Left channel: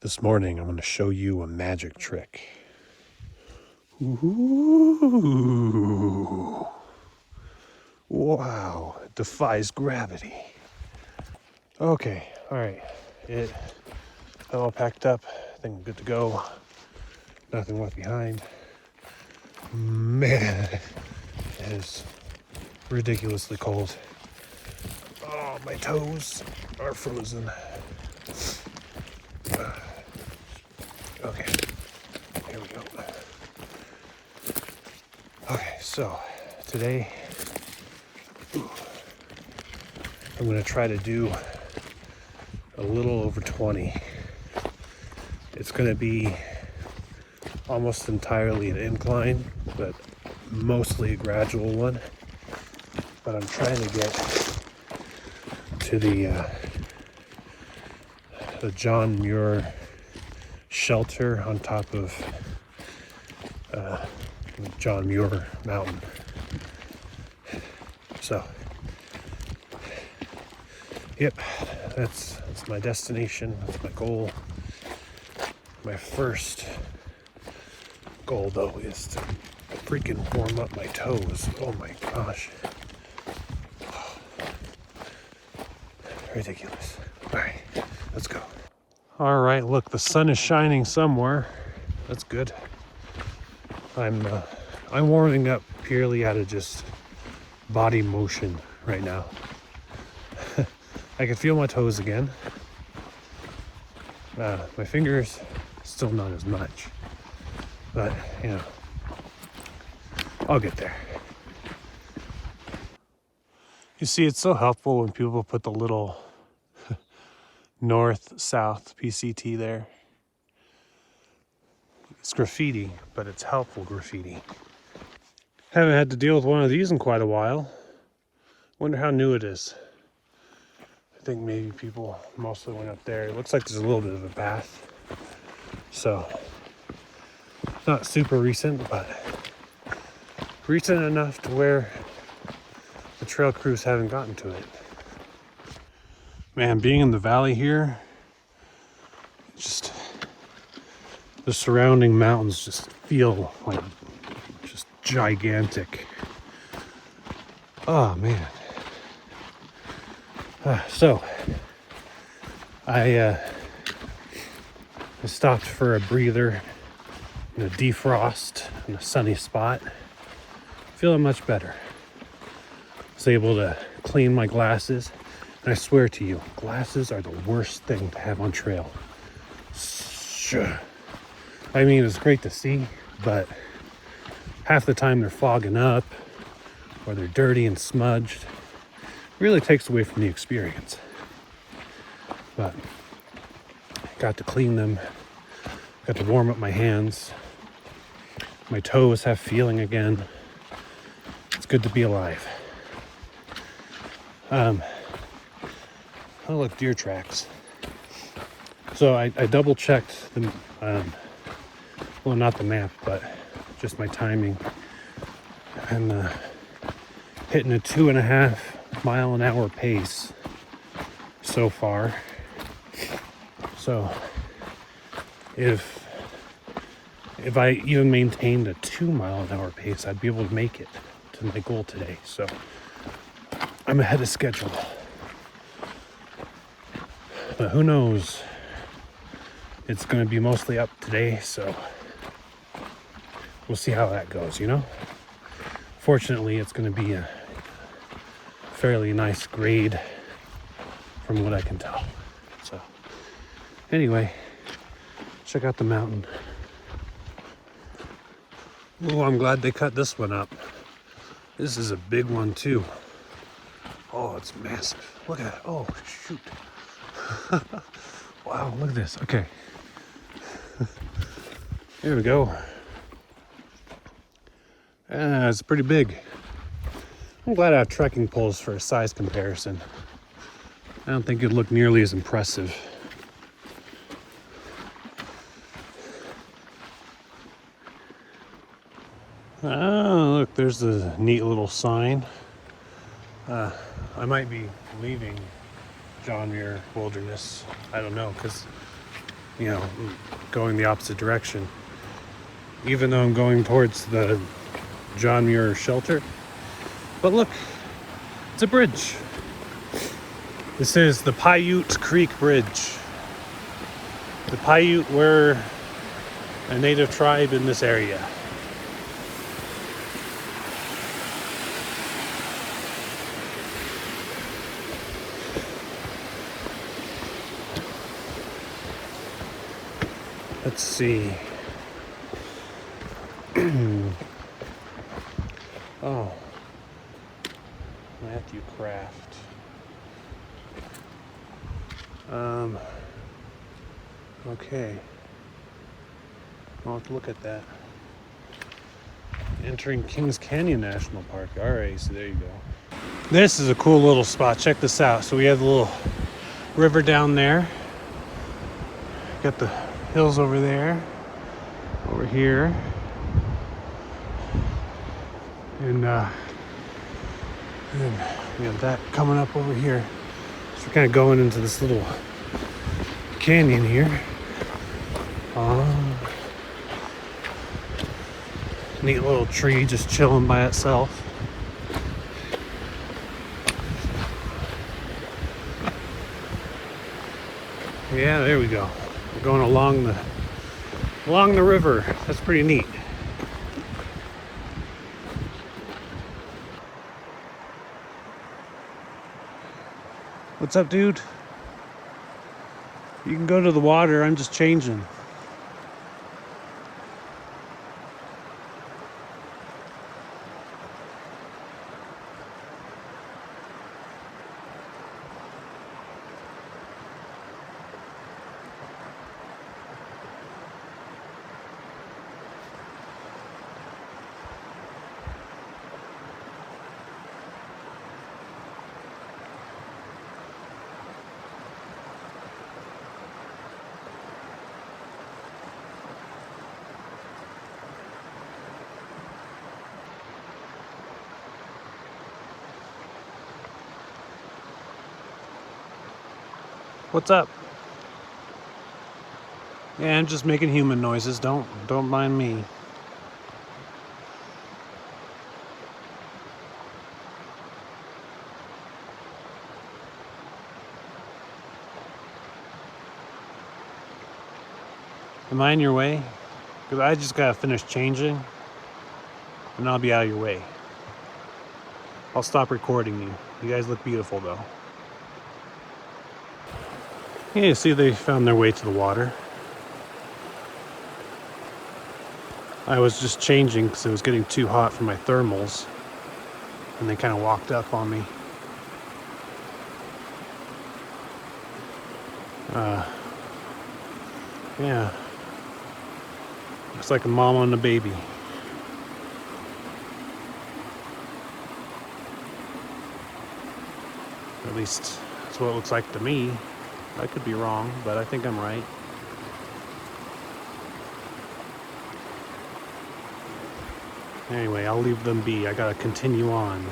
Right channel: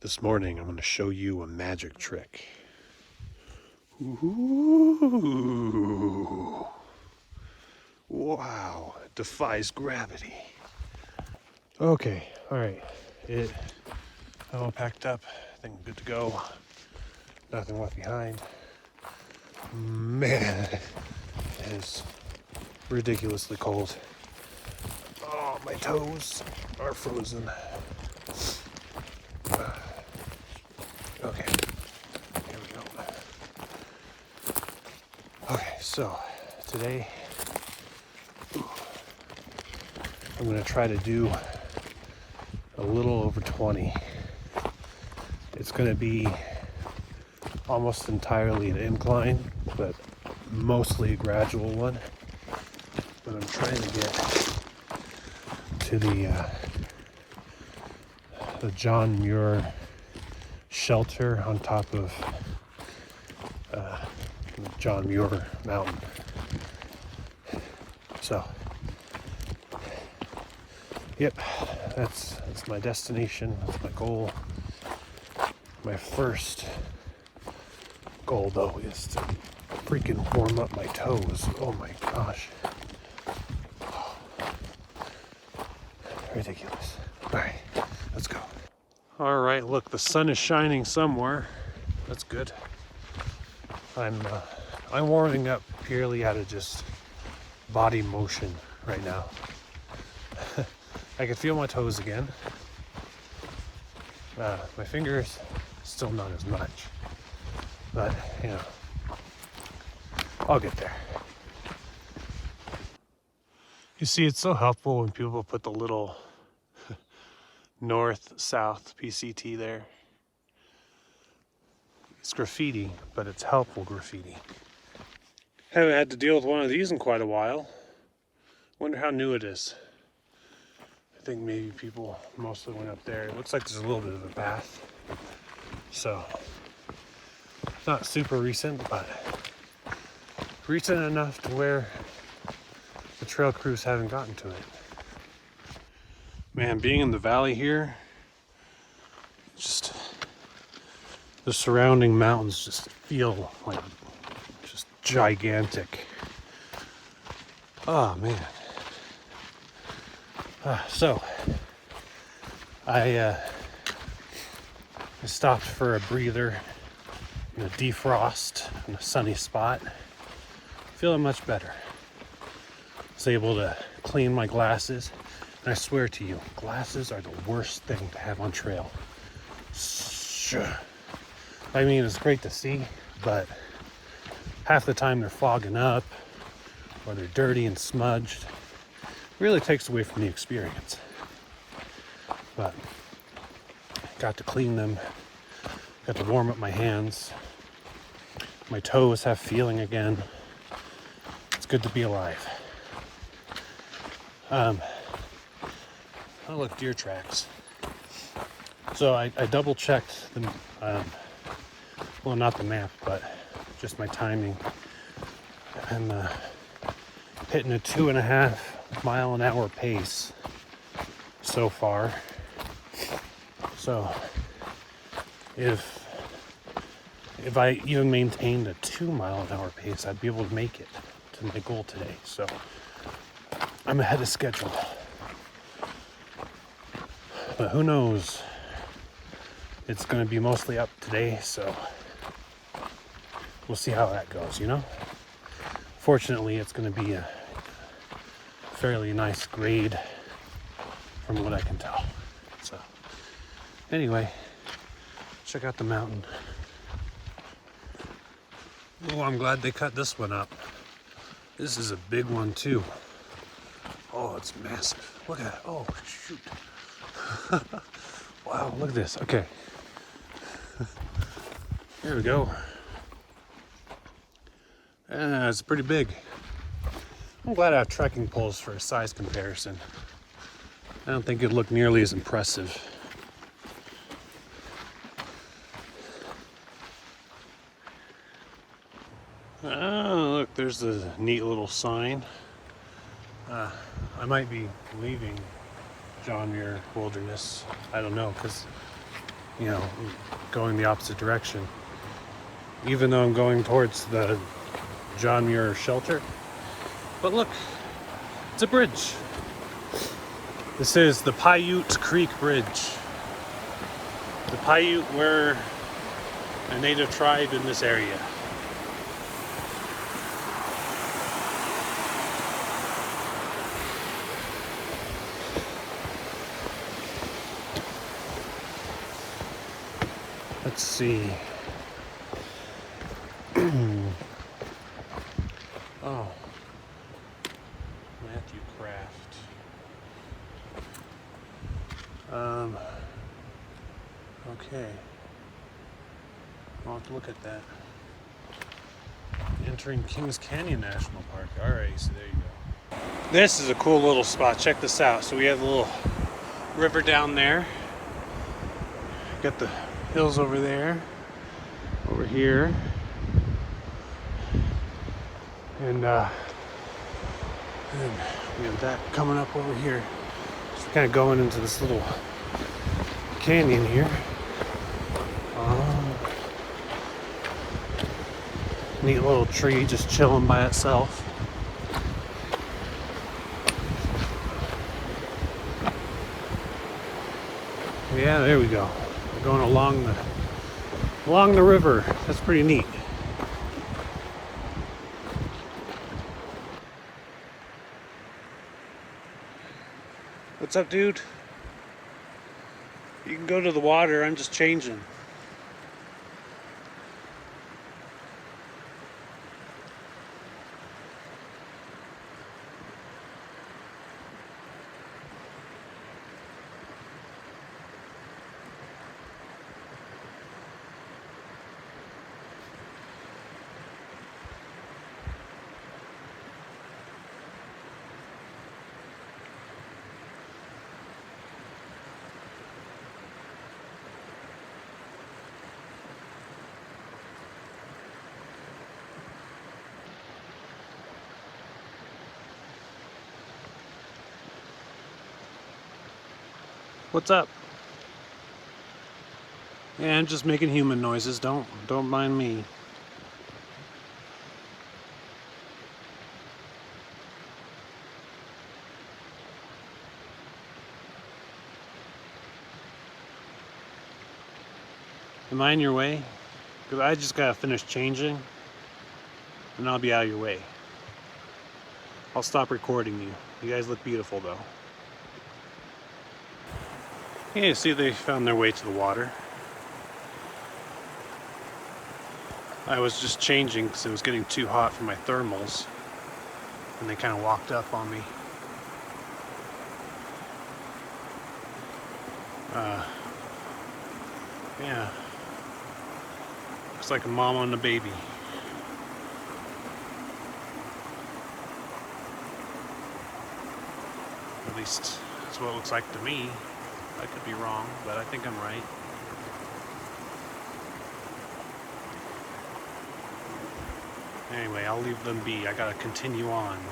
This morning, I'm going to show you a magic trick. Ooh. Wow, it defies gravity. Okay, all right. I'm all packed up. I think I'm good to go. Nothing left behind. Man, it is ridiculously cold. Oh, my toes are frozen. Okay, here we go. Okay, so today I'm gonna try to do a little over 20. It's gonna be almost entirely an incline, but mostly a gradual one. But I'm trying to get to the Muir Shelter on top of John Muir Mountain. So, yep, that's my destination. That's my goal. My first goal, though, is to freaking warm up my toes. Oh my gosh. Ridiculous. All right, let's go. All right, look, the sun is shining somewhere. That's good. I'm warming up purely out of just body motion right now. I can feel my toes again. My fingers, still not as much. But, you know, I'll get there. You see, it's so helpful when people put the little north-south PCT there. It's graffiti, but it's helpful graffiti. Haven't had to deal with one of these in quite a while. Wonder how new it is. I think maybe people mostly went up there. It looks like there's a little bit of a path. So, not super recent, but recent enough to where the trail crews haven't gotten to it. Man, being in the valley here, just the surrounding mountains just feel like just gigantic. Oh man. So I stopped for a breather, a defrost in a sunny spot. Feeling much better. Was able to clean my glasses. And I swear to you, glasses are the worst thing to have on trail. I mean, it's great to see, but half the time they're fogging up or they're dirty and smudged. It really takes away from the experience. But got to clean them, got to warm up my hands. My toes have feeling again. It's good to be alive. Oh, look, deer tracks. So I double checked the, well, not the map, but just my timing. I'm hitting a 2.5 mile an hour pace so far. So if I even maintained a 2 mile an hour pace, I'd be able to make it to my goal today. So I'm ahead of schedule. But who knows? It's going to be mostly up today, so we'll see how that goes, you know? Fortunately, it's going to be a fairly nice grade from what I can tell. So anyway, check out the mountain. Oh, I'm glad they cut this one up. This is a big one too. Oh, it's massive. Look at it. Oh, shoot. Wow, look at this. Okay. Here we go. It's pretty big. I'm glad I have trekking poles for a size comparison. I don't think it'd look nearly as impressive. Oh, look, there's a neat little sign. I might be leaving John Muir Wilderness. I don't know, because you know, going the opposite direction. Even though I'm going towards the John Muir Shelter. But look, it's a bridge. This is the Paiute Creek Bridge. The Paiute were a native tribe in this area. Let's see. Oh, Matthew Craft. Okay. I'll have to look at that. Entering Kings Canyon National Park. Alright, so there you go. This is a cool little spot. Check this out. So we have the little river down there. Got the hills over there. Over here. And we have that coming up over here. So kind of going into this little canyon here. Neat little tree just chilling by itself. Yeah, there we go. We're going along the river. That's pretty neat. What's up, dude? You can go to the water. I'm just changing. What's up? Yeah, I'm just making human noises. Don't mind me. Am I in your way? Because I just gotta finish changing and I'll be out of your way. I'll stop recording you. You guys look beautiful though. Yeah, you see they found their way to the water. I was just changing because it was getting too hot for my thermals. And they kind of walked up on me. Yeah. Looks like a mama and a baby. At least that's what it looks like to me. I could be wrong, but I think I'm right. Anyway, I'll leave them be. I gotta continue on.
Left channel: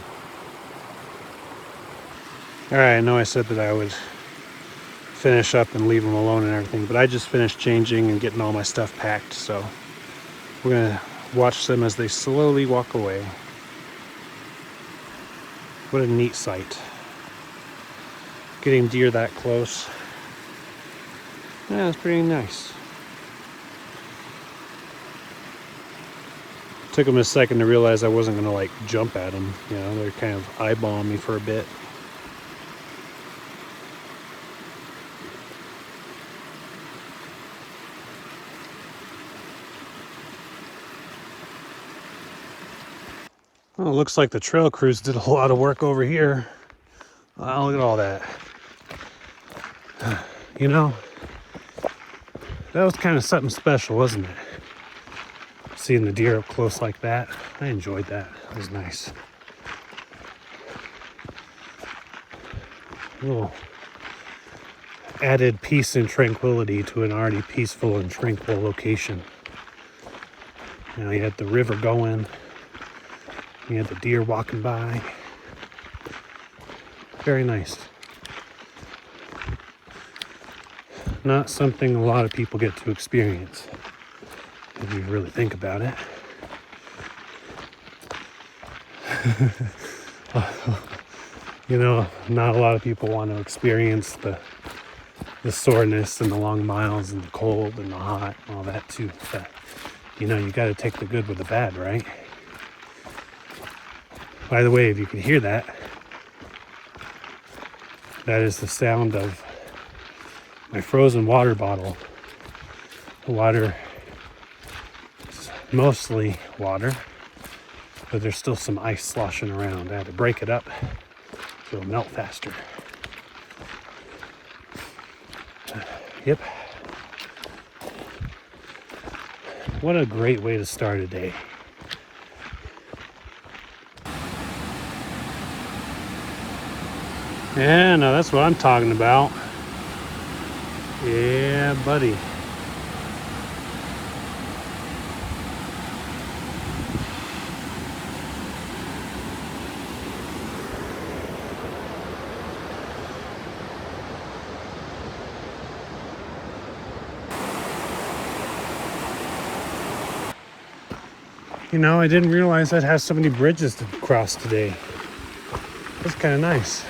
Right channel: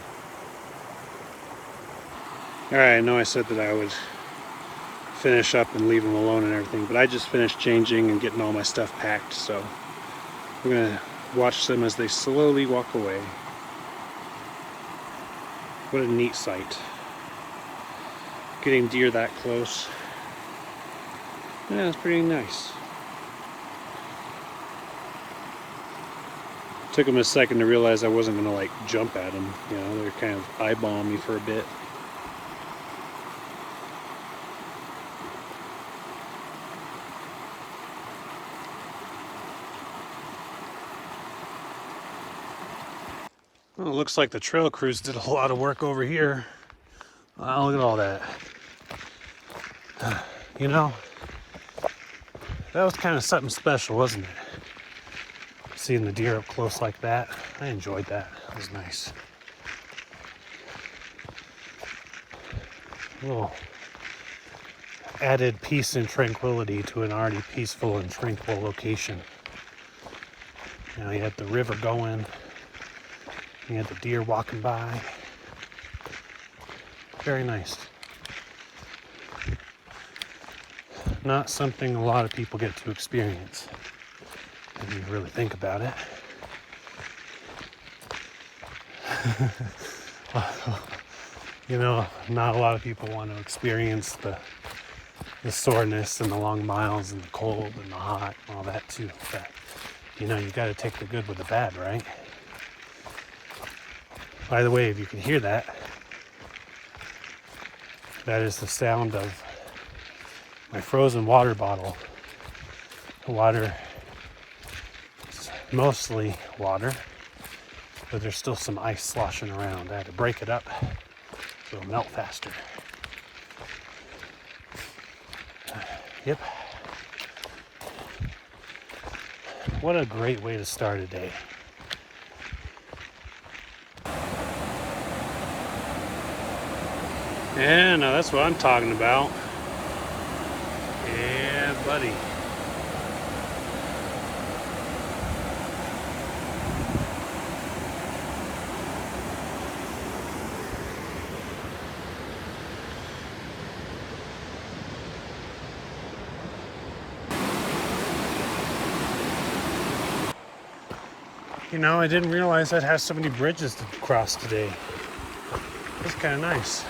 Alright, I know I said that I would finish up and leave them alone and everything, but I just finished changing and getting all my stuff packed, so we're gonna watch them as they slowly walk away. What a neat sight. Getting deer that close. Yeah, it's pretty nice. Took them a second to realize I wasn't gonna like jump at them. You know, they're kind of eyeballing me for a bit. Well, it looks like the trail crews did a lot of work over here. Wow, look at all that. You know, that was kind of something special, wasn't it? Seeing the deer up close like that. I enjoyed that. It was nice. A little added peace and tranquility to an already peaceful and tranquil location. You know, you had the river going. You had the deer walking by. Very nice. not something a lot of people get to experience, if you really think about it. You know, not a lot of people want to experience the soreness and the long miles and the cold and the hot and all that too. But, you know, you got to take the good with the bad, right? By the way, if you can hear that, that is the sound of my frozen water bottle. The water is mostly water, but there's still some ice sloshing around. I had to break it up so it'll melt faster. Yep. What a great way to start a day. Yeah, no, that's what I'm talking about. Yeah, buddy. You know, I didn't realize I'd have so many bridges to cross today. That's kind of nice.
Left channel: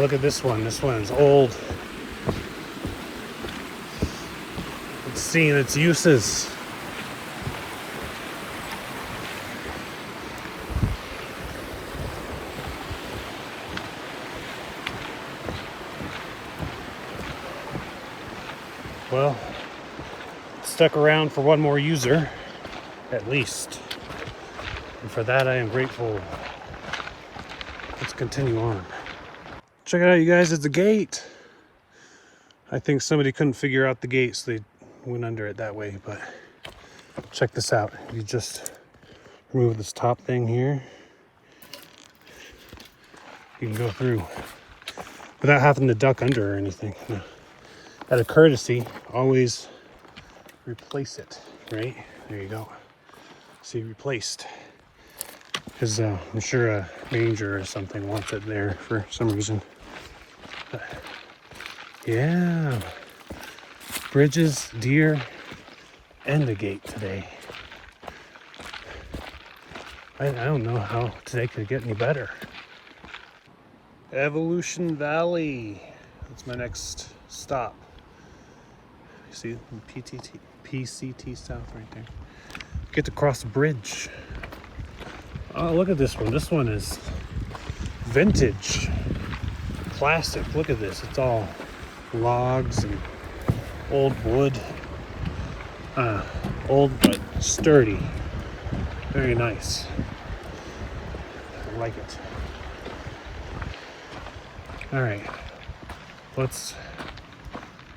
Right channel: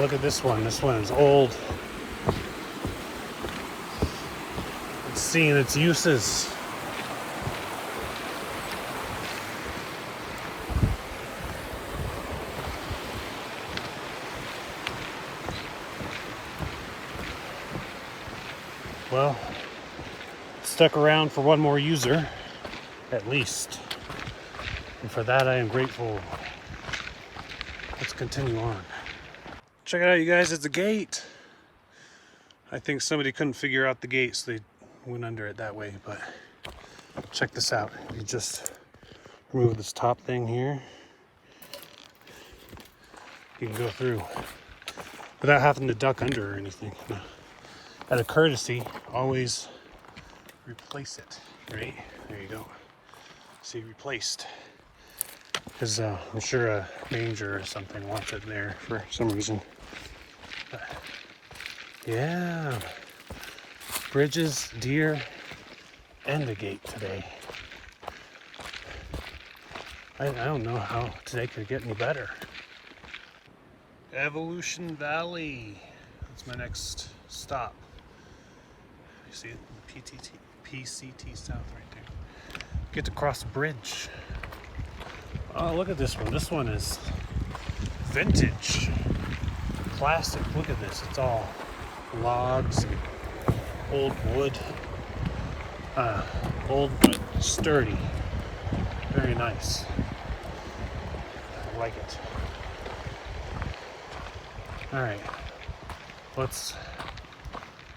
Look at this one. This one is old. It's seeing its uses. Well, stuck around for one more user, at least. And for that, I am grateful. Let's continue on. Check it out, you guys, it's the gate. I think somebody couldn't figure out the gate, so they went under it that way, but check this out. You just remove this top thing here. You can go through without having to duck under or anything. Out of courtesy, always replace it, right? There you go. See, replaced. Because I'm sure a ranger or something wants it there for some reason. But, yeah. Bridges, deer, and the gate today. I don't know how today could get any better. Evolution Valley. That's my next stop. You see PCT South right there. Get to cross the bridge. Oh, look at this one. This one is vintage. Classic. Look at this. It's all logs and old wood. Old but sturdy. Very nice. I like it. All right. Let's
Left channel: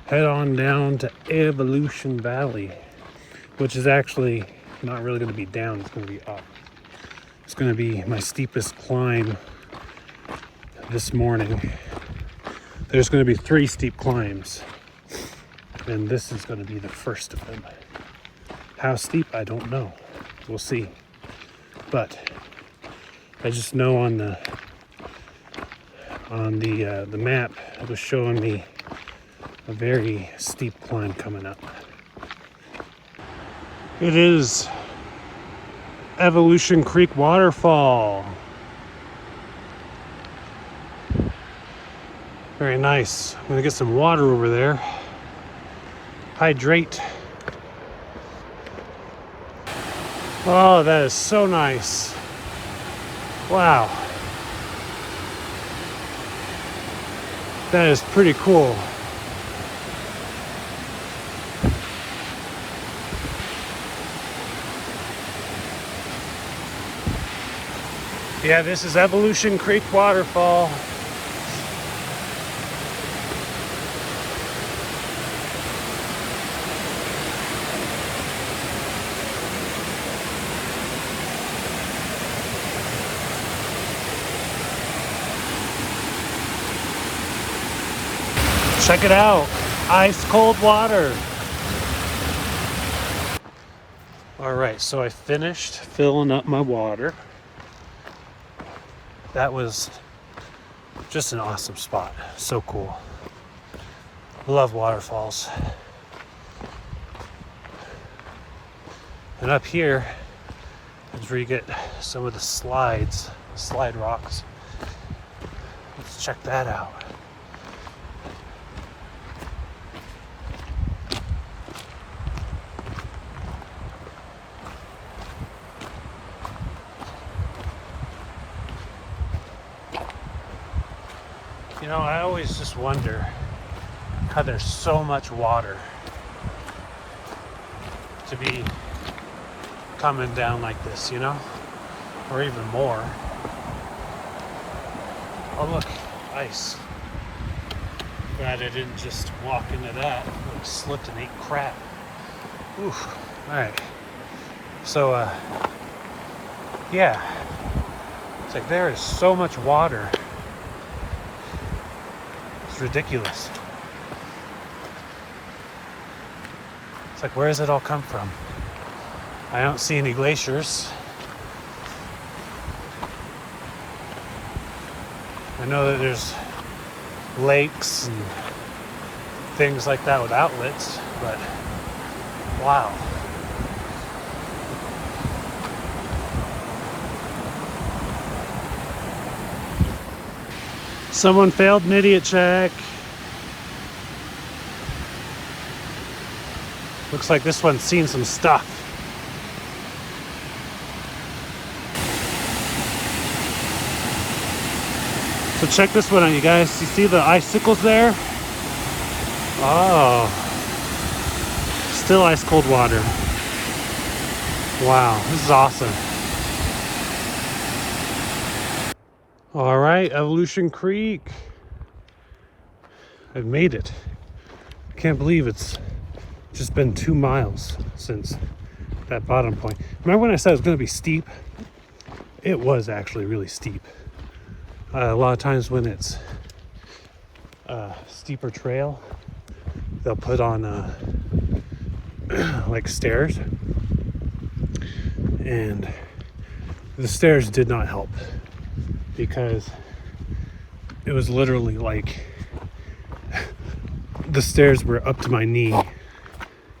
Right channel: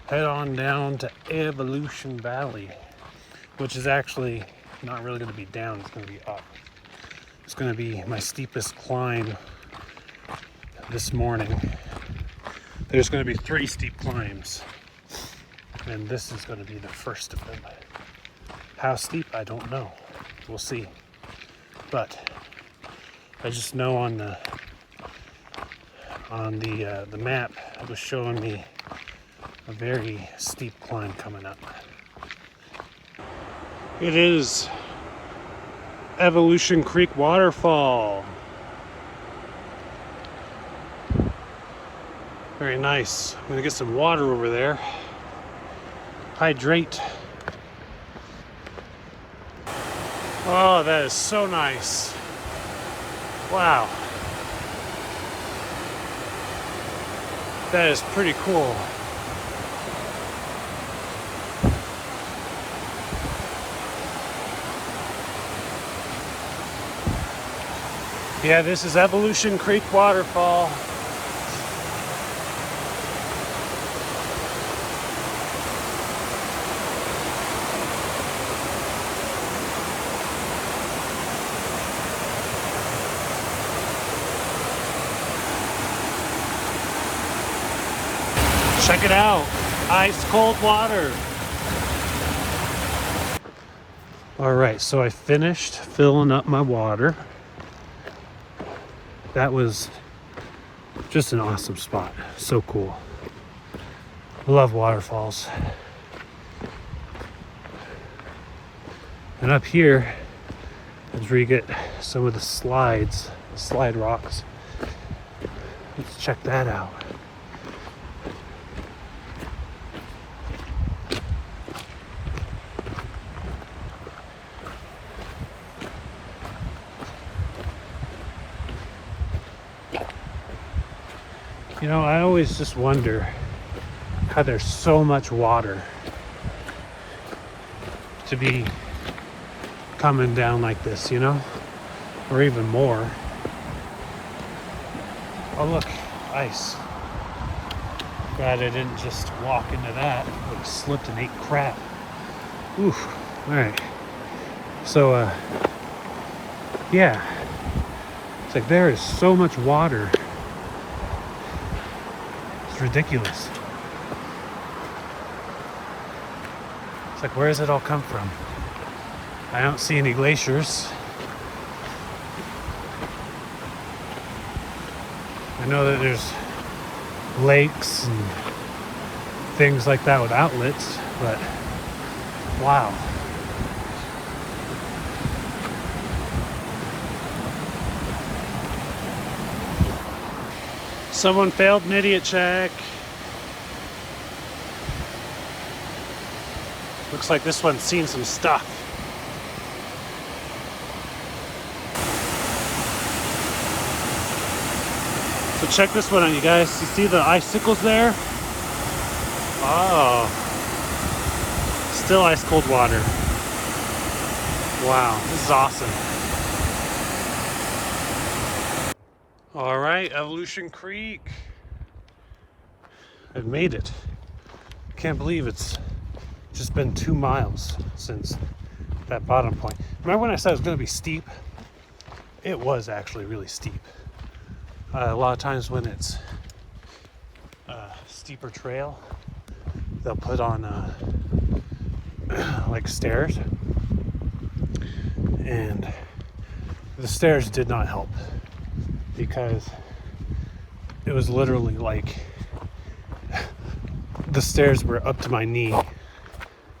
head on down to Evolution Valley, which is actually not really going to be down. It's going to be up. It's going to be my steepest climb this morning. There's going to be 3 steep climbs, and this is going to be the first of them. How steep, I don't know. We'll see. But I just know on the map it was showing me a very steep climb coming up. It is Evolution Creek Waterfall. Very nice. I'm gonna get some water over there. Hydrate. Oh, that is so nice. Wow. That is pretty cool. Yeah, this is Evolution Creek Waterfall. Check it out, ice cold water. All right, so I finished filling up my water. that was just an awesome spot. So cool. I love waterfalls. And up here is where you get some of the slides, the slide rocks. Let's check that out. You know, I always just wonder how there's so much water to be coming down like this, you know, or even more. Oh look, ice. Glad I didn't just walk into that. I would have slipped and ate crap. Oof. All right. So, yeah. It's like there is so much water. It's ridiculous. It's like, where does it all come from? I don't see any glaciers. I know that there's lakes and things like that with outlets, but wow. Someone failed an idiot check. Looks like this one's seen some stuff. So check this one out, you guys. You see the icicles there? Oh. Still ice cold water. Wow, this is awesome. All right, Evolution Creek. I've made it. Can't believe it's just been 2 miles since that bottom point. Remember when I said it was gonna be steep? It was actually really steep. A lot of times when it's a steeper trail, they'll put on like stairs, and the stairs did not help because it was literally like the stairs were up to my knee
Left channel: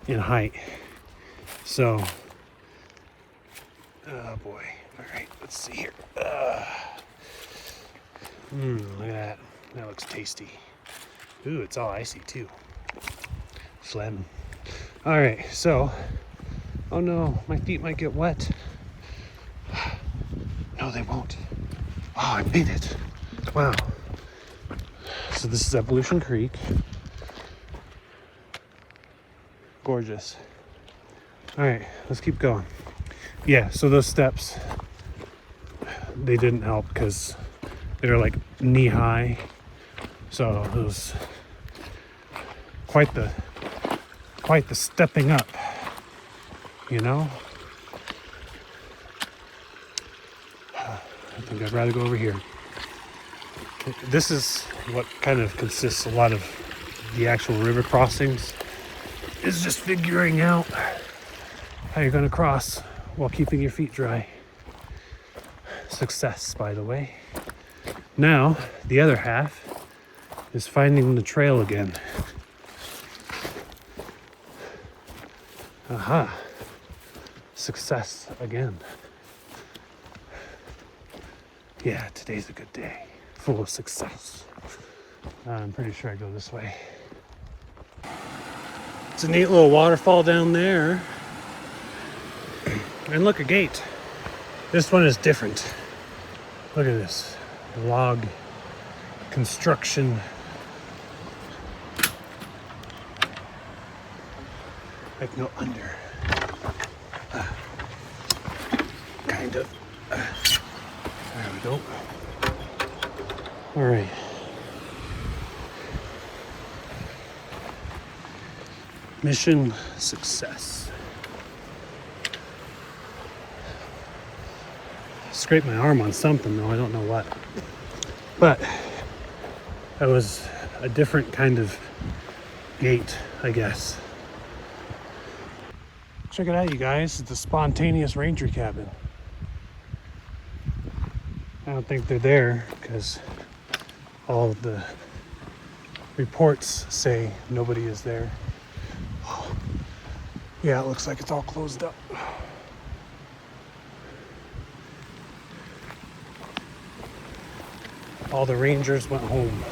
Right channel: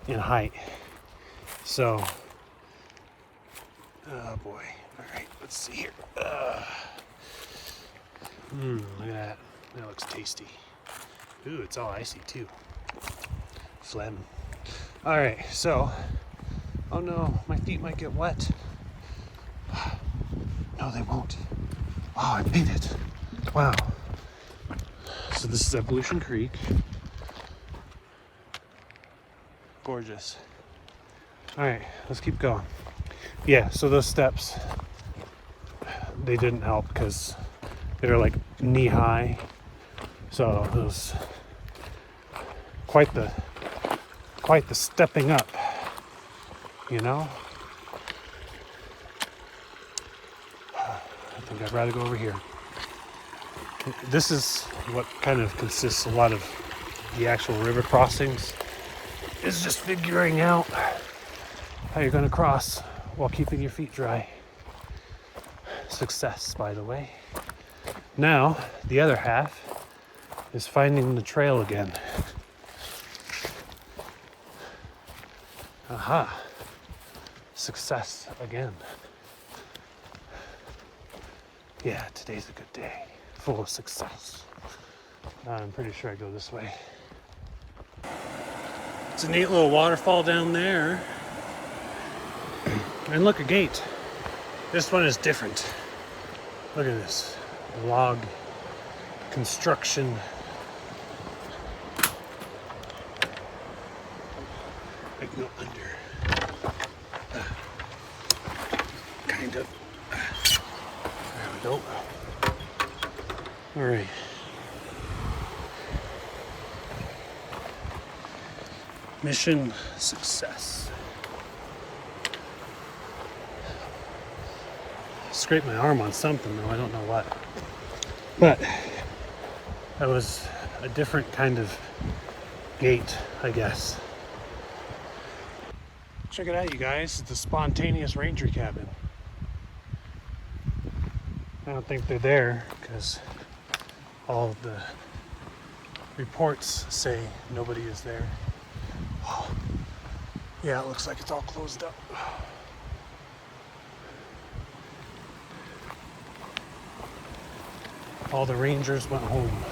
in height. So, oh boy. All right, let's see here. Look at that. That looks tasty. Ooh, it's all icy too. Phlegm. All right, so, oh no, my feet might get wet. No, they won't. Oh, I made it. Wow. So this is Evolution Creek. Gorgeous. All right, let's keep going. Yeah, so those steps, they didn't help because they were like knee high. So it was quite the stepping up, you know? I think I'd rather go over here. This is what kind of consists a lot of the actual river crossings, is just figuring out how you're gonna cross while keeping your feet dry. Success, by the way. Now, the other half is finding the trail again. Aha. Success again. Yeah, today's a good day. Full of success. I'm pretty sure I go this way. It's a neat little waterfall down there. And look, a gate. This one is different. Look at this. Log construction. I can go under. Kind of. There we go. All right. Mission success. Scraped my arm on something though, I don't know what. But that was a different kind of gate, I guess. Check it out, you guys. It's the Spontaneous Ranger Cabin. I don't think they're there because all of the reports say nobody is there. Yeah, it looks like it's all closed up. All the rangers went home.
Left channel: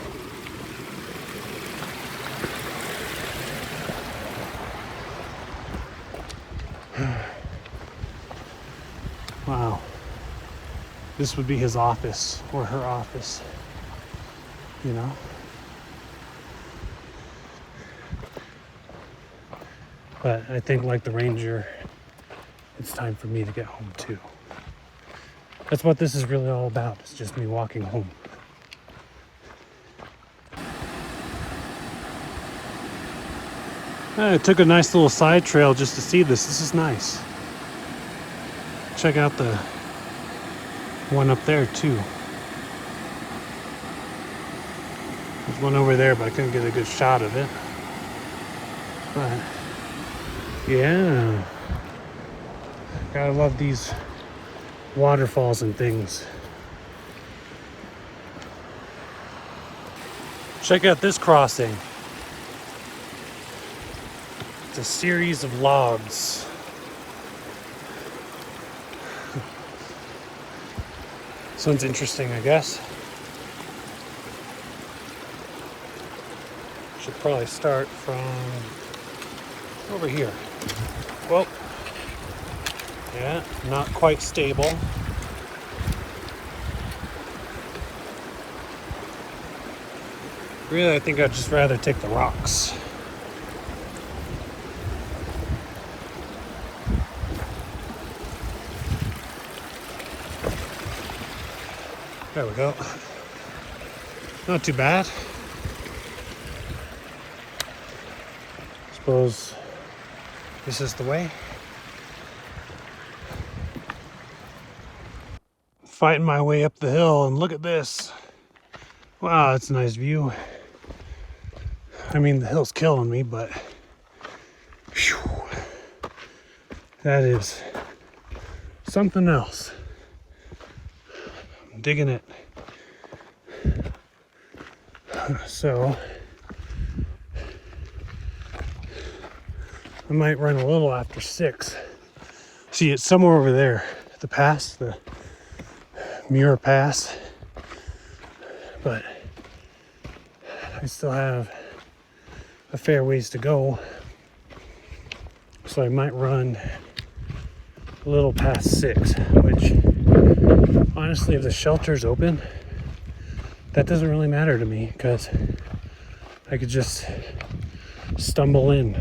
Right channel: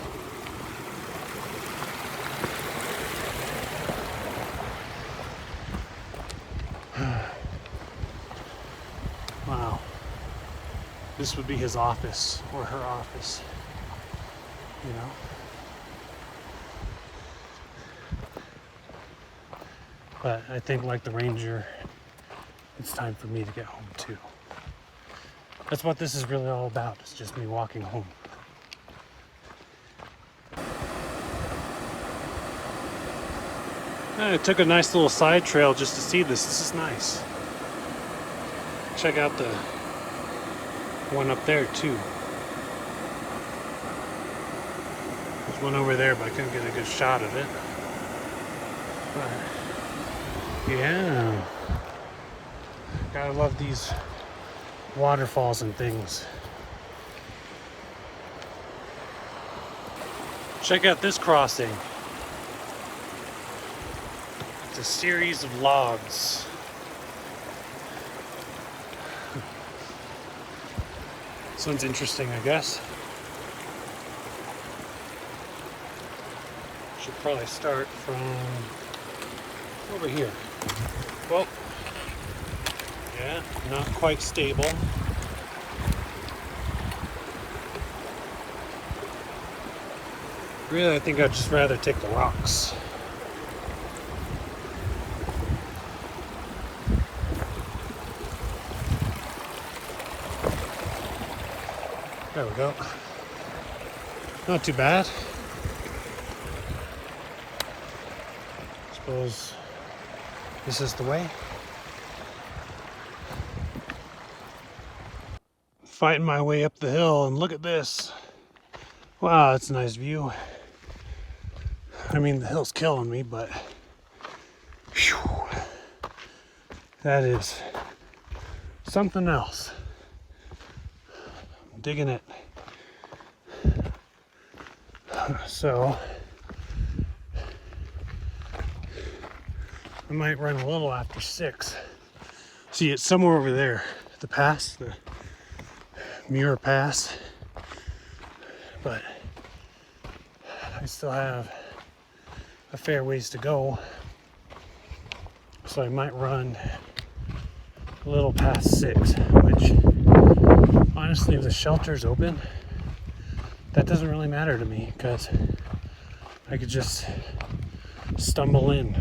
Wow. This would be his office or her office, you know? But I think, like the ranger, it's time for me to get home too. That's what this is really all about. It's just me walking home. I took a nice little side trail just to see this. This is nice. Check out the one up there too. There's one over there, but I couldn't get a good shot of it. But yeah, I love these waterfalls and things. Check out this crossing. It's a series of logs. This one's interesting, I guess. Should probably start from over here. Well, yeah, not quite stable. Really, I think I'd just rather take the rocks. There we go. Not too bad. Suppose this is the way. Fighting my way up the hill, and look at this. Wow, that's a nice view. I mean, the hill's killing me, but whew, that is something else. I'm digging it. So I might run a little after 6. See, it's somewhere over there, the pass, the Muir Pass, but I still have a fair ways to go, so I might run a little past 6, which honestly, if the shelter's open, that doesn't really matter to me because I could just stumble in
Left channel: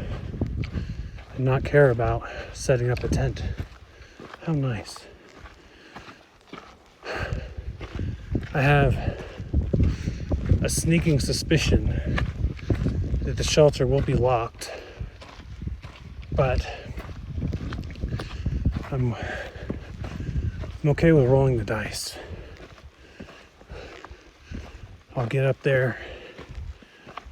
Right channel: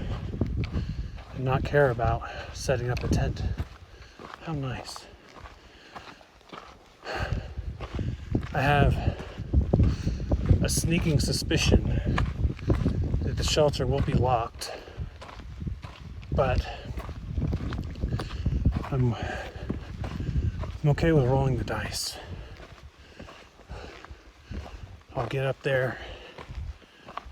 and not care about setting up a tent. How nice. I have a sneaking suspicion that the shelter will be locked, but I'm okay with rolling the dice. I'll get up there,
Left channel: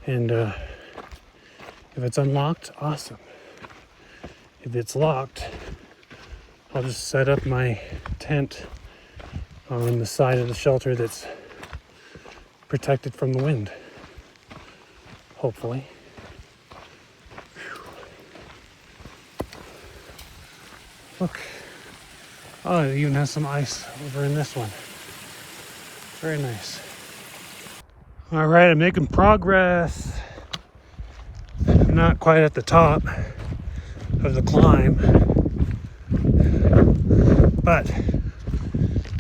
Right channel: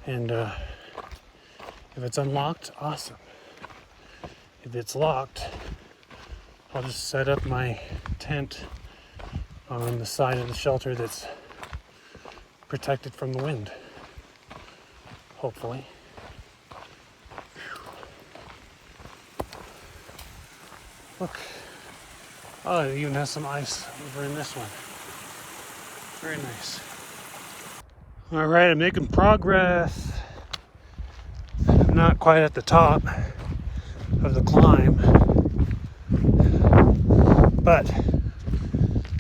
and if it's unlocked, awesome. If it's locked, I'll just set up my tent on the side of the shelter that's protected from the wind, hopefully. Whew. Look, oh, it even has some ice over in this one. Very nice. All right, I'm making progress. I'm not quite at the top of the climb, but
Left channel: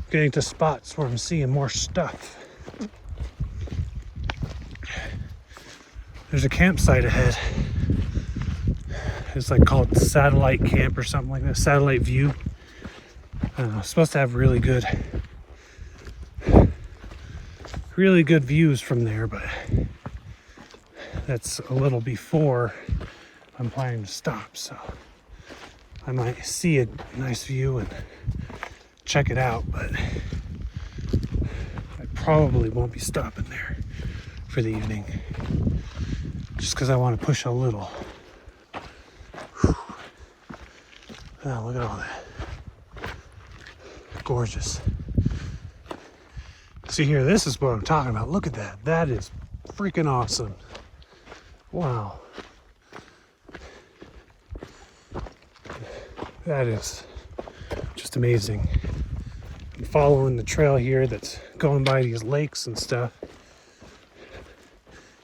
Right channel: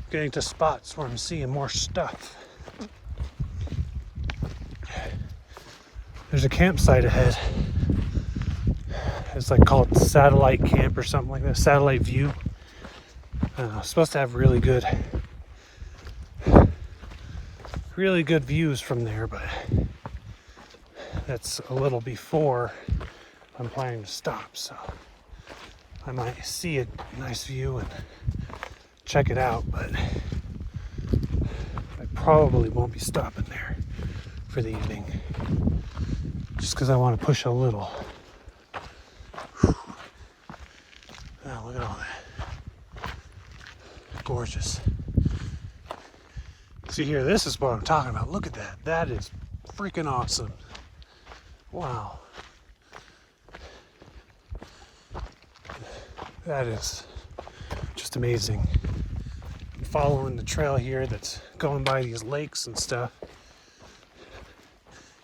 getting to spots where I'm seeing more stuff. There's a campsite ahead. It's like called Satellite Camp or something like that, Satellite View. It's supposed to have really good views from there, but that's a little before I'm planning to stop, so I might see a nice view and check it out, but I probably won't be stopping there for the evening just because I want to push a little. Oh, look at all that. Gorgeous. See here, this is what I'm talking about. Look at that. That is freaking awesome. Wow. That is just amazing. I'm following the trail here that's going by these lakes and stuff.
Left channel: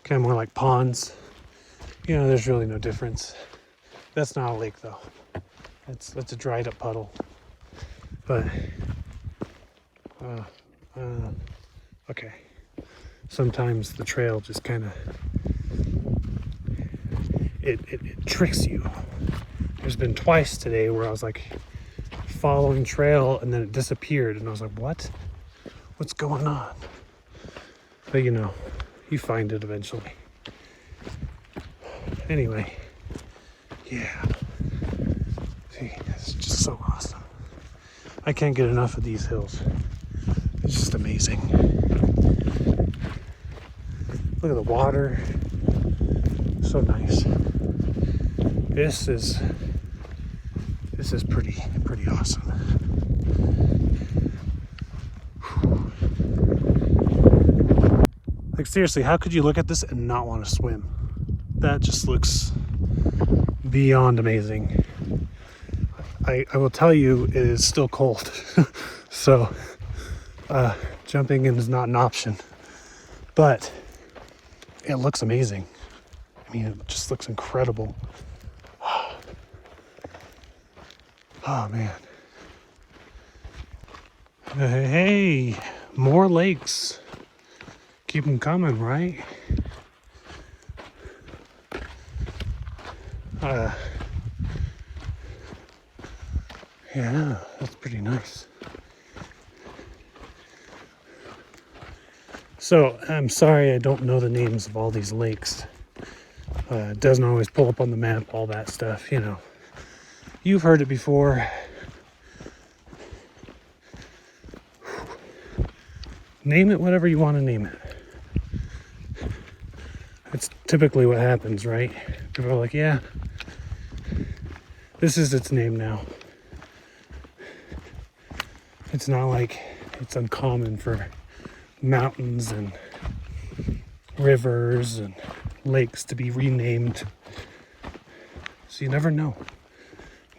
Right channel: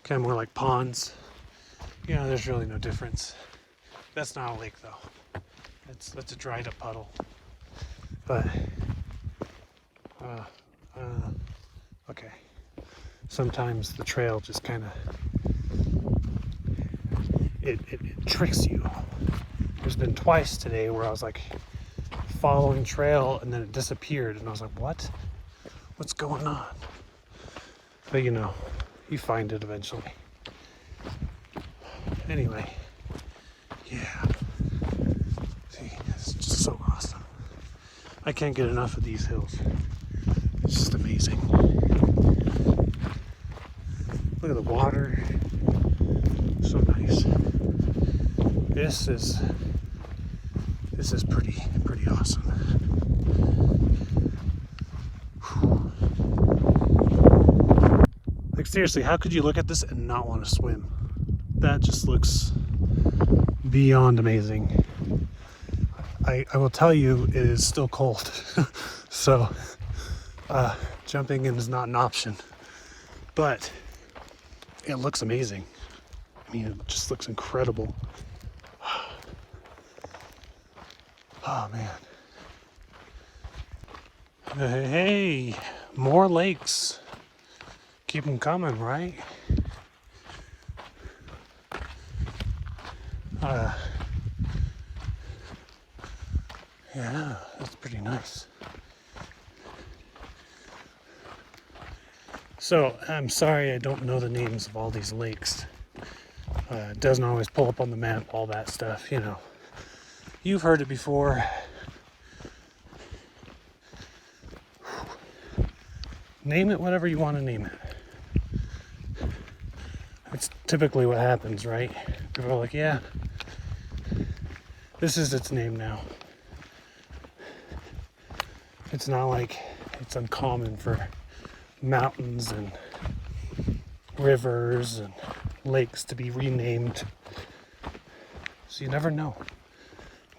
Kind of more like ponds. You know, there's really no difference. That's not a lake though. That's a dried up puddle. But okay. Sometimes the trail just kind of it tricks you. There's been twice today where I was like following trail and then it disappeared and I was like, what? What's going on? But you know, you find it eventually. Anyway, yeah. See, it's just so awesome. I can't get enough of these hills. It's just amazing. Look at the water. So nice. This is pretty awesome. Whew. Like seriously, how could you look at this and not want to swim? That just looks beyond amazing. I will tell you, it is still cold. So jumping in is not an option, but it looks amazing. I mean, it just looks incredible. Oh man. Hey, more lakes. Keep them coming, right? Yeah, that's pretty nice. So, I'm sorry I don't know the names of all these lakes. It doesn't always pull up on the map, all that stuff, you know. You've heard it before. Name it whatever you want to name it. It's typically what happens, right? People are like, yeah, this is its name now. It's not like it's uncommon for mountains and rivers and lakes to be renamed. So you never know.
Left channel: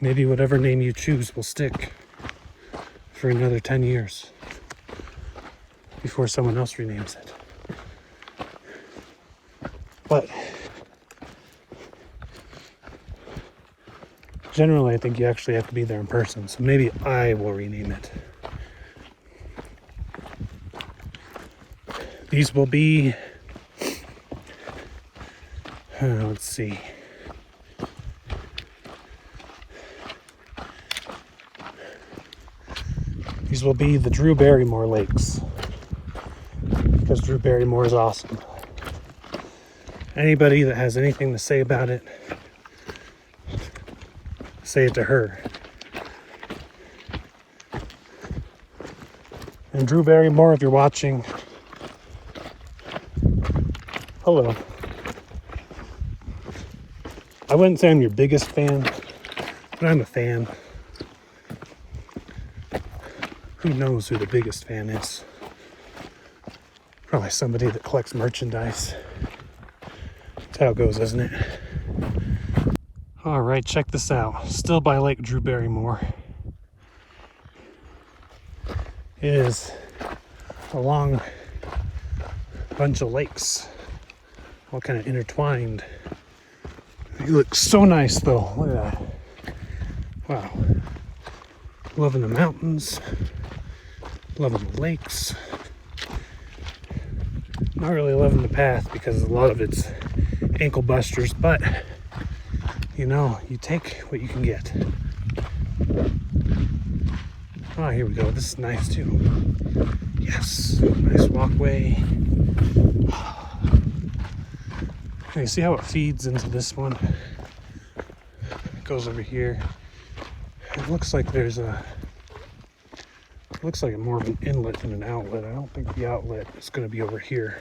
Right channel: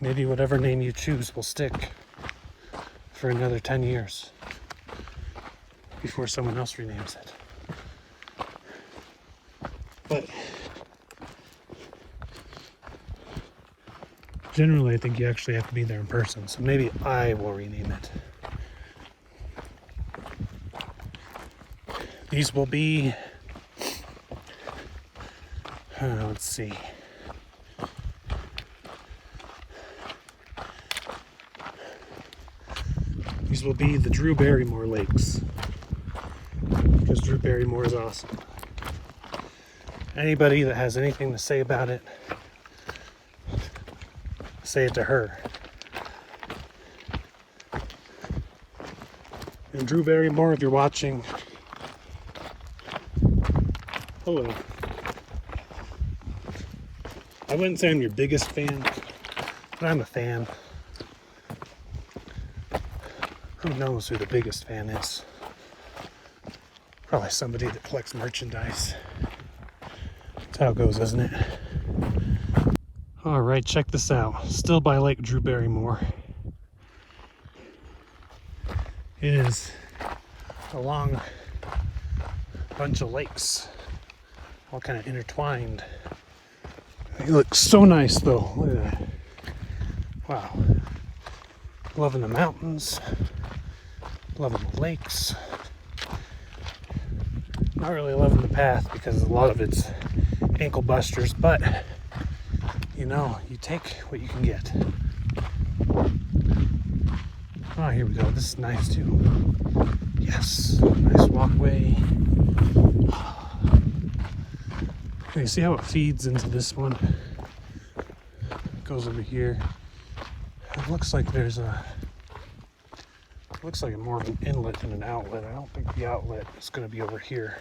Maybe whatever name you choose will stick for another 10 years before someone else renames it. But generally, I think you actually have to be there in person. So maybe I will rename it. These will be, let's see. These will be the Drew Barrymore Lakes, because Drew Barrymore is awesome. Anybody that has anything to say about it, say it to her. And Drew Barrymore, if you're watching, hello. I wouldn't say I'm your biggest fan, but I'm a fan. Who knows who the biggest fan is? Probably somebody that collects merchandise. That's how it goes, isn't it? All right, check this out. Still by Lake Drew Barrymore. It is along a bunch of lakes, all kind of intertwined. It looks so nice though. Look at that. Wow. Loving the mountains. Loving the lakes. Not really loving the path because a lot of it's ankle busters, but you know, you take what you can get. Oh, here we go. This is nice too. Yes, nice walkway. Okay, see how it feeds into this one? It goes over here. It looks like there's a, looks like more of an inlet than an outlet. I don't think the outlet is going to be over here.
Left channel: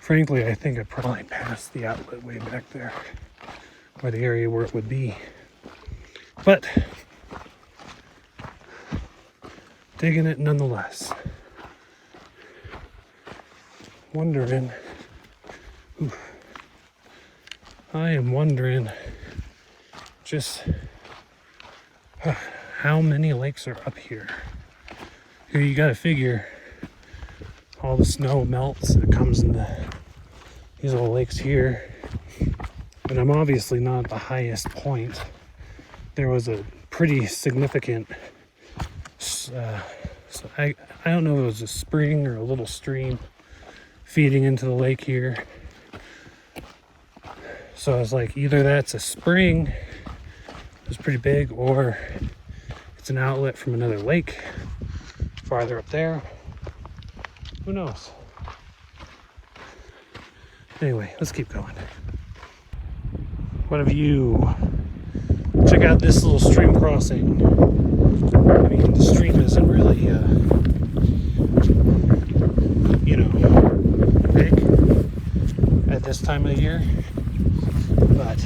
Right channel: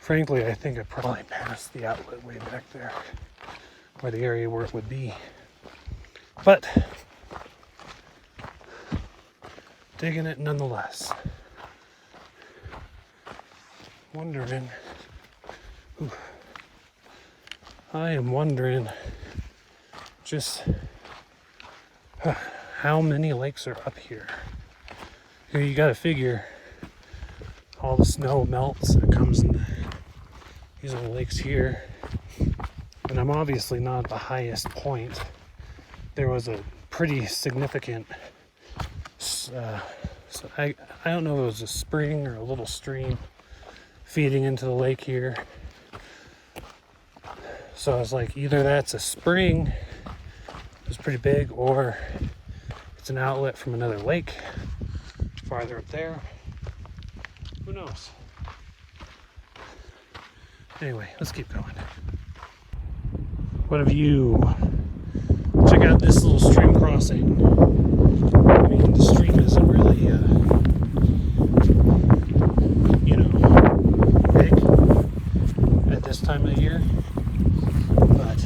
Frankly, I think I probably passed the outlet way back there, by the area where it would be. But digging it nonetheless. Wondering, I am wondering just how many lakes are up here. Here you gotta figure all the snow melts that comes in these little lakes here. And I'm obviously not at the highest point. There was a pretty significant, I don't know if it was a spring or a little stream feeding into the lake here. So I was like, either that's a spring, it's pretty big, or it's an outlet from another lake farther up there. Who knows? Anyway, let's keep going. What have you? Check out this little stream crossing. I mean, the stream isn't really, big at this time of year, but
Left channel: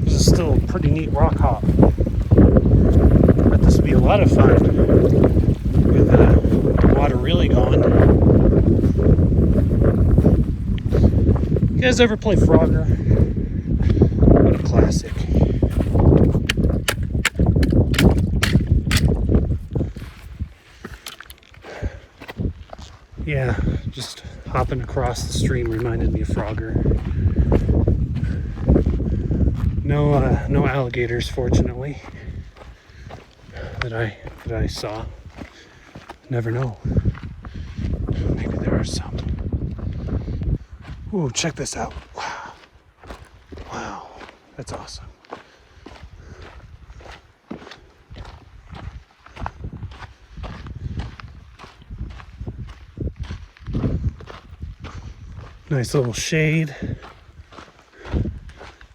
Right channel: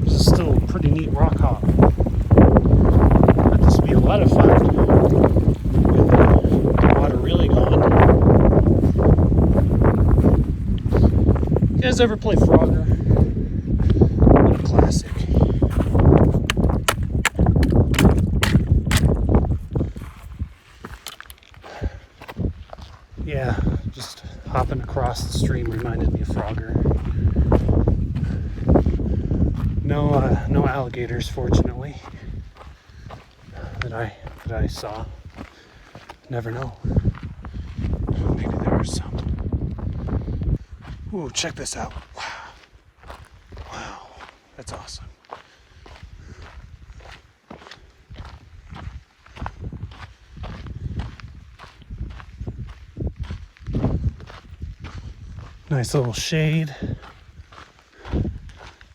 this is still a pretty neat rock hop. But this would be a lot of fun with the water really going. You guys ever play Frogger? What a classic. Yeah, just hopping across the stream reminded me of Frogger. No alligators, fortunately, that I saw. Never know. Maybe there are some. Ooh, check this out. Wow, that's awesome. Nice little shade.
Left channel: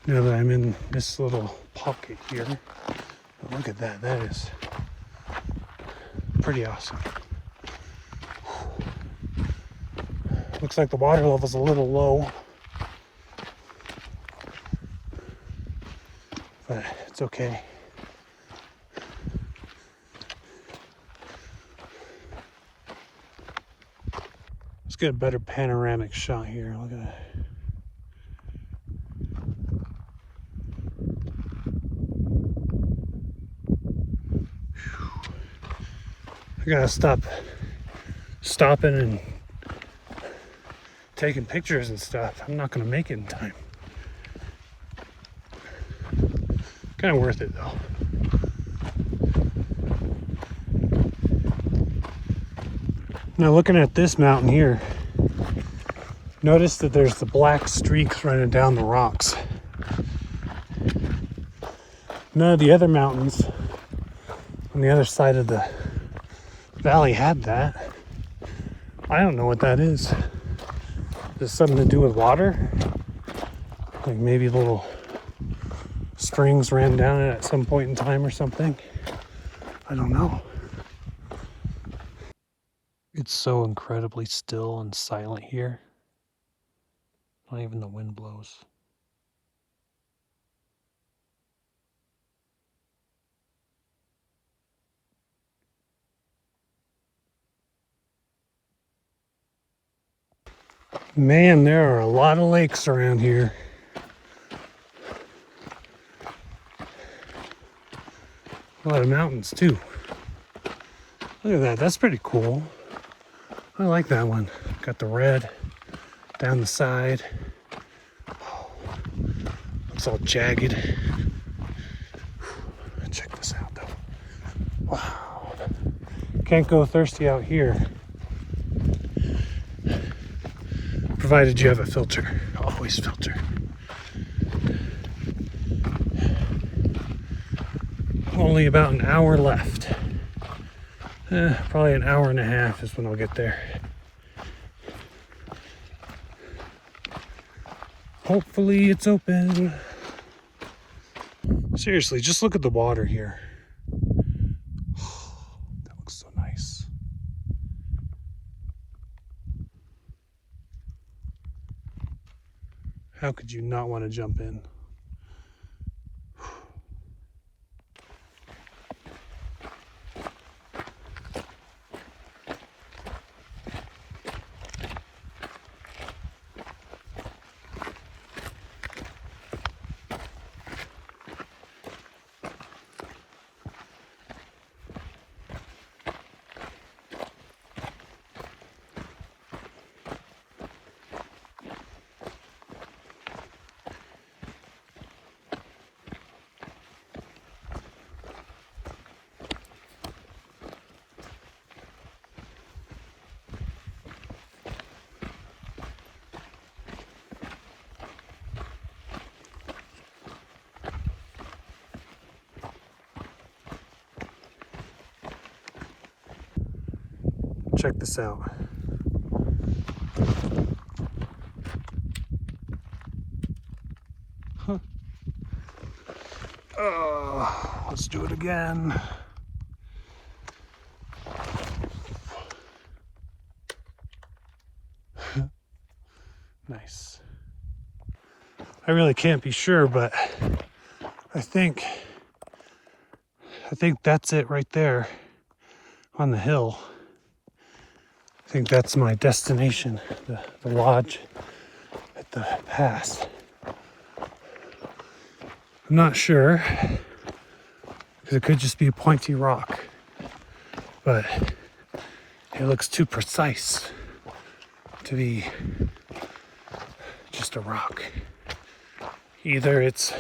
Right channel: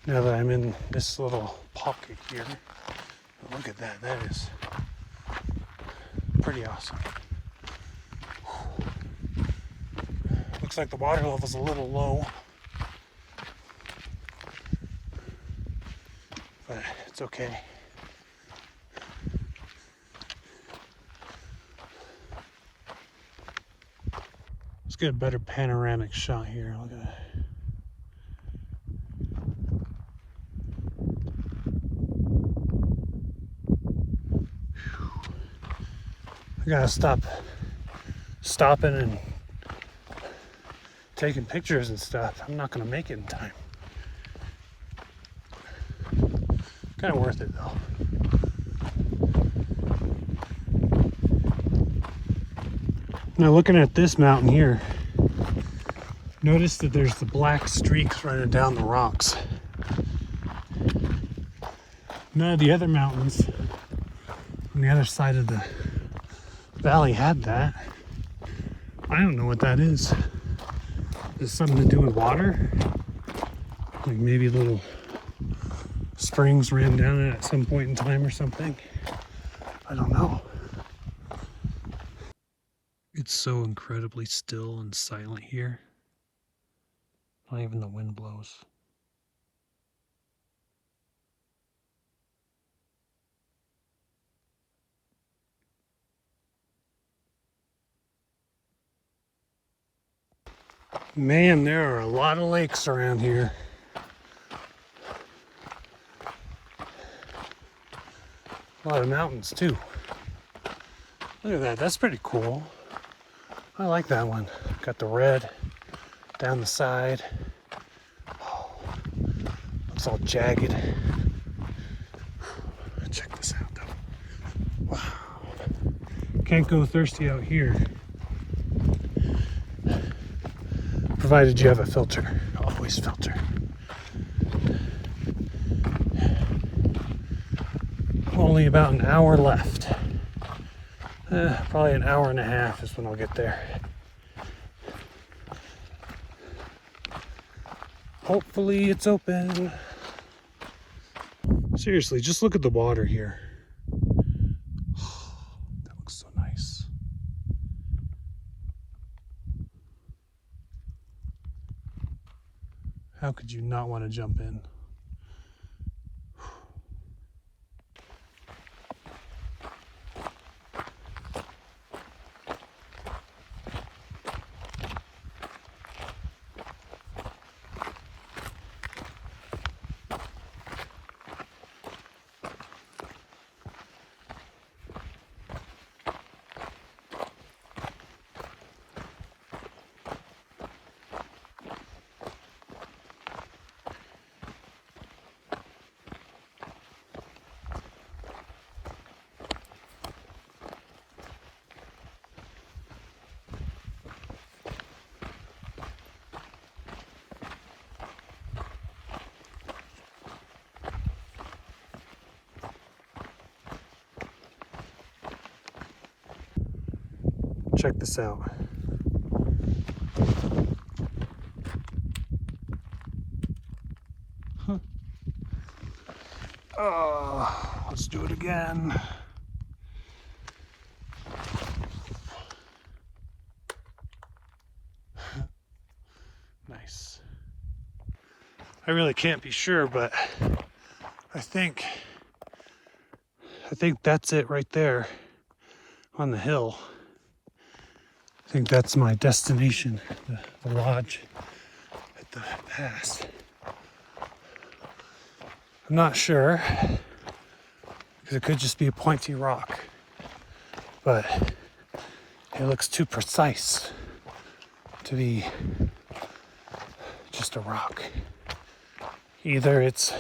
Now that I'm in this little pocket here. Look at that, that is pretty awesome. Looks like the water level's a little low, but it's okay. Let's get a better panoramic shot here. Look at that. I gotta stopping and taking pictures and stuff. I'm not gonna make it in time. Kind of worth it though. Now looking at this mountain here, notice that there's the black streaks running down the rocks. None of the other mountains on the other side of the valley had that. I don't know what that is. Is it something to do with water? Like maybe little springs ran down it at some point in time or something? I don't know. It's so incredibly still and silent here. Not even the wind blows. Man, there are a lot of lakes around here. A lot of mountains too. Look at that, that's pretty cool. I like that one. Got the red down the side. Oh, looks all jagged. Check this out though. Wow. Can't go thirsty out here. Provided you have a filter. Always filter. Only about an hour left. Probably an hour and a half is when I'll get there. Hopefully it's open. Seriously, just look at the water here. That looks so nice. How could you not want to jump in? check this out. Huh. Let's do it again. Nice. I really can't be sure, but I think that's it right there on the hill. I think that's my destination, the lodge at the pass. I'm not sure. It could just be a pointy rock, but it looks too precise to be just a rock. Either it's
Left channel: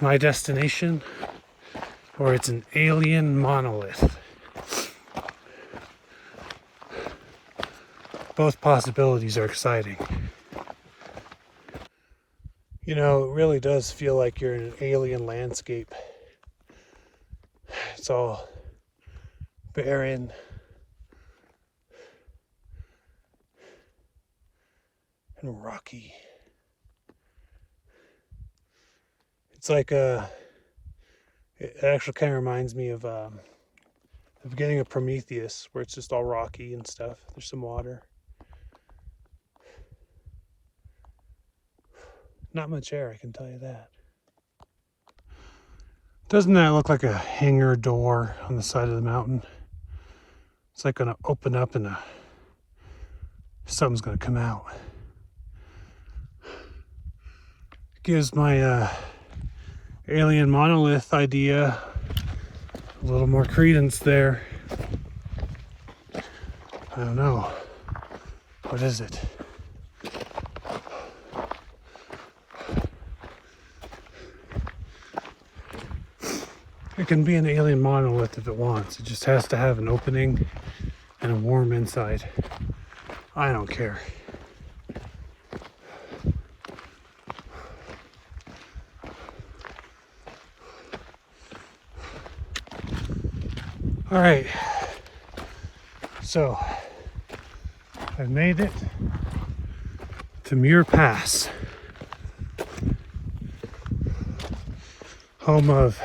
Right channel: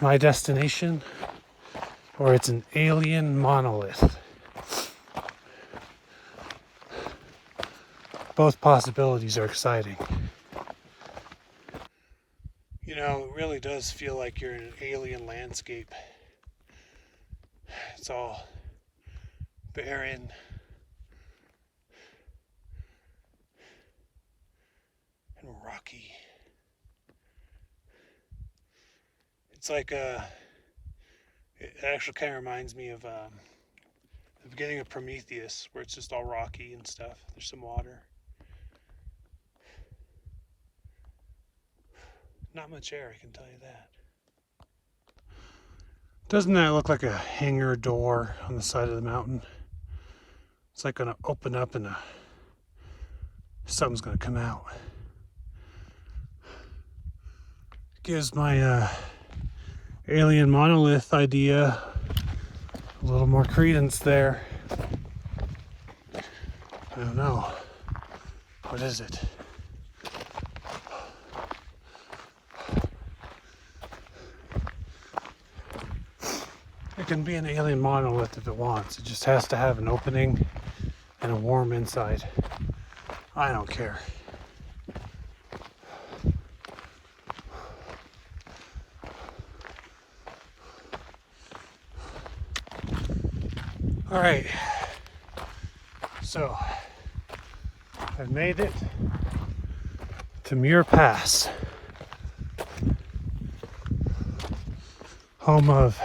my destination or it's an alien monolith. Both possibilities are exciting. You know, it really does feel like you're in an alien landscape. It's all barren. And rocky. It's like it actually kind of reminds me of the beginning of Prometheus, where it's just all rocky and stuff. There's some water. Not much air, I can tell you that. Doesn't that look like a hangar door on the side of the mountain? It's like gonna open up and something's gonna come out. Gives my alien monolith idea a little more credence there. I don't know. What is it? It can be an alien monolith if it wants. It just has to have an opening and a warm inside. I don't care. All right, so I've made it to Muir Pass, home of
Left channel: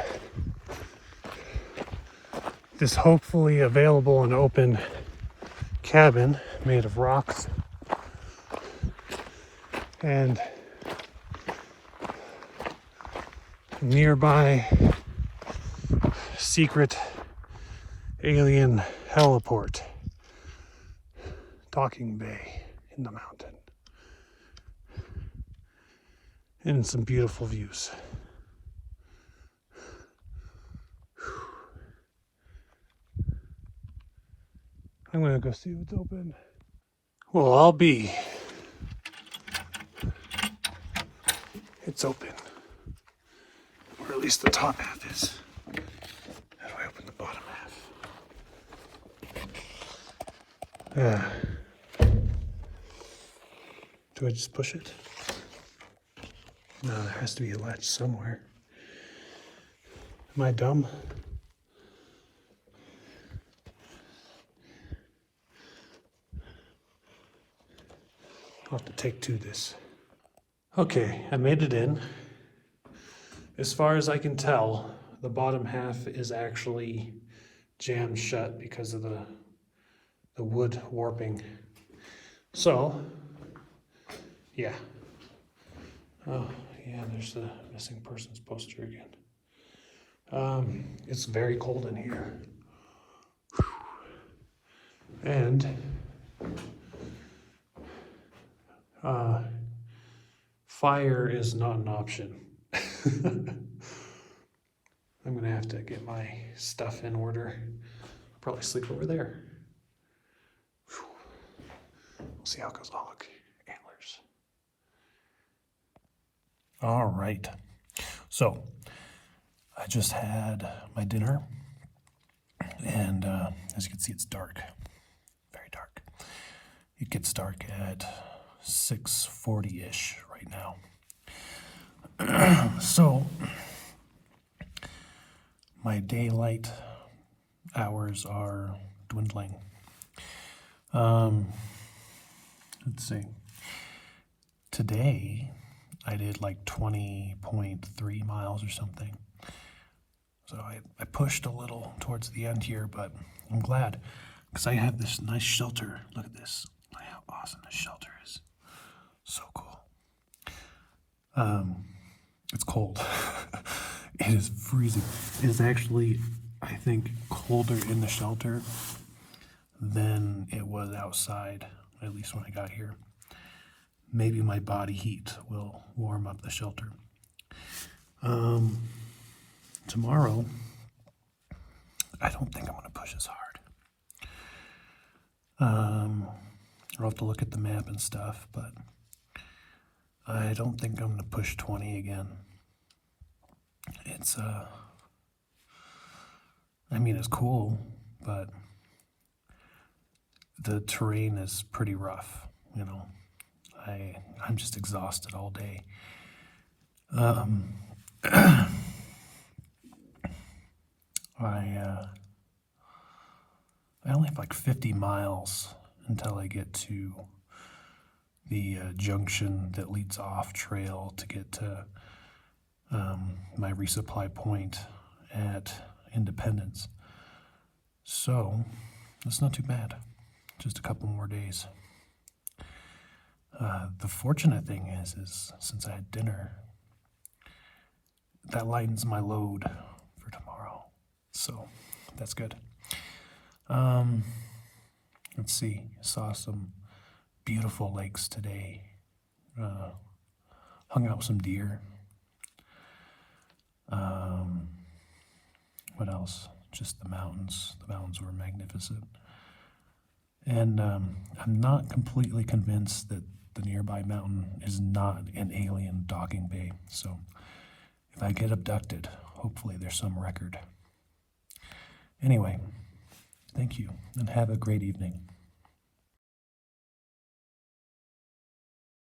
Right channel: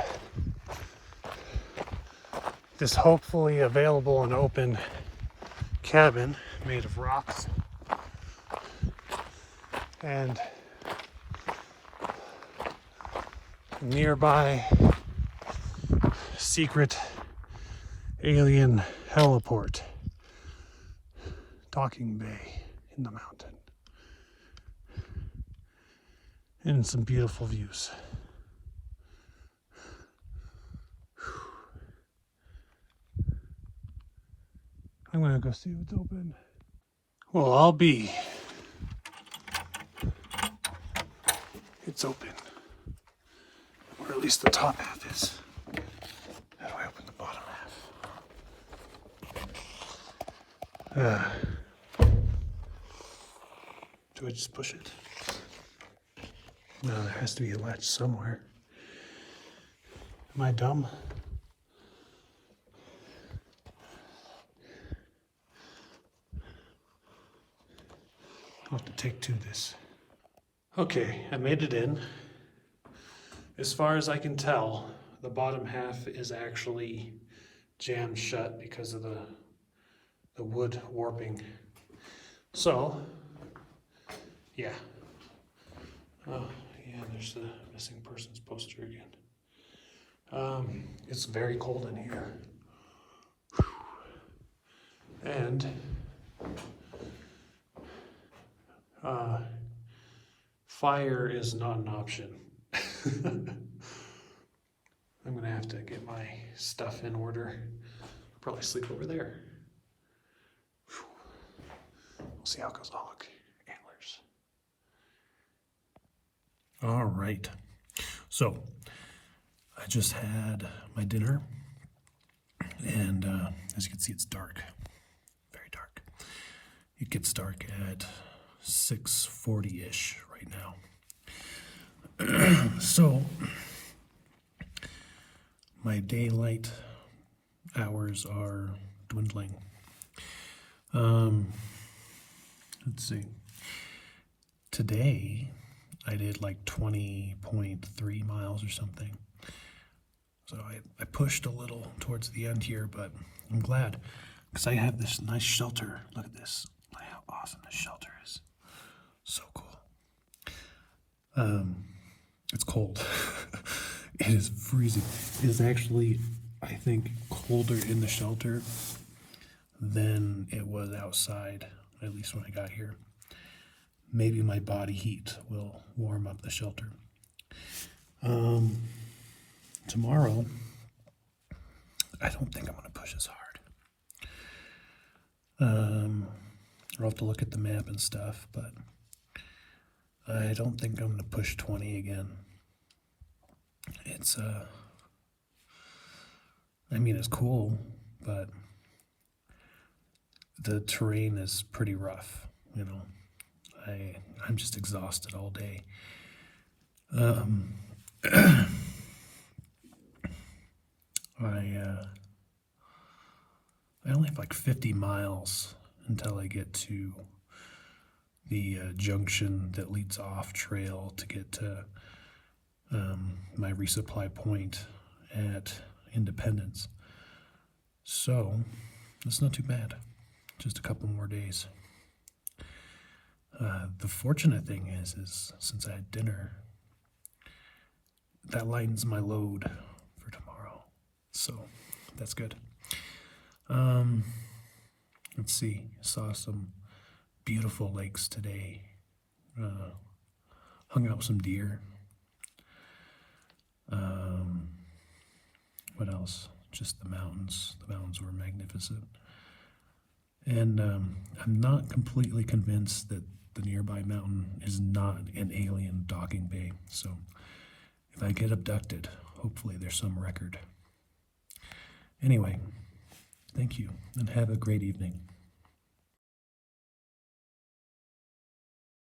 this hopefully available and open cabin made of rocks and nearby secret alien heliport, Docking Bay in the mountain, and some beautiful views. I'm gonna go see what's open. Well, I'll be. It's open, or at least the top half is. How do I open the bottom half? Do I just push it? No, there has to be a latch somewhere. Am I dumb? I'll have to take two this. Okay, I made it in. As far as I can tell, the bottom half is actually jammed shut because of the wood warping. So, yeah. Oh, yeah, there's the missing persons poster again. It's very cold in here. And fire is not an option. I'm gonna have to get my stuff in order. I'll probably sleep over there. We'll see how it goes. Oh, look, antlers. All right. So I just had my dinner, and as you can see, it's dark, very dark. It gets dark at 6:40-ish right now. So my daylight hours are dwindling. Let's see. Today, I did like 20.3 miles or something. So I pushed a little towards the end here, but I'm glad because I have this nice shelter. Look at this. Look how awesome this shelter is. So cool. It's cold. It is freezing. It is actually, I think, colder in the shelter than it was outside, at least when I got here. Maybe my body heat will warm up the shelter. Tomorrow, I don't think I'm going to push as hard. I'll have to look at the map and stuff, but I don't think I'm going to push 20 again. It's, I mean, it's cool, but the terrain is pretty rough, you know. I'm just exhausted all day. I only have like 50 miles until I get to the junction that leads off trail to get to my resupply point at Independence. So that's not too bad. Just a couple more days. The fortunate thing is since I had dinner, that lightens my load for tomorrow. So that's good. Let's see. Saw some beautiful lakes today. Hung out with some deer. What else? Just the mountains. The mountains were magnificent. And I'm not completely convinced that the nearby mountain is not an alien docking bay. So if I get abducted, hopefully there's some record. Anyway, thank you and have a great evening.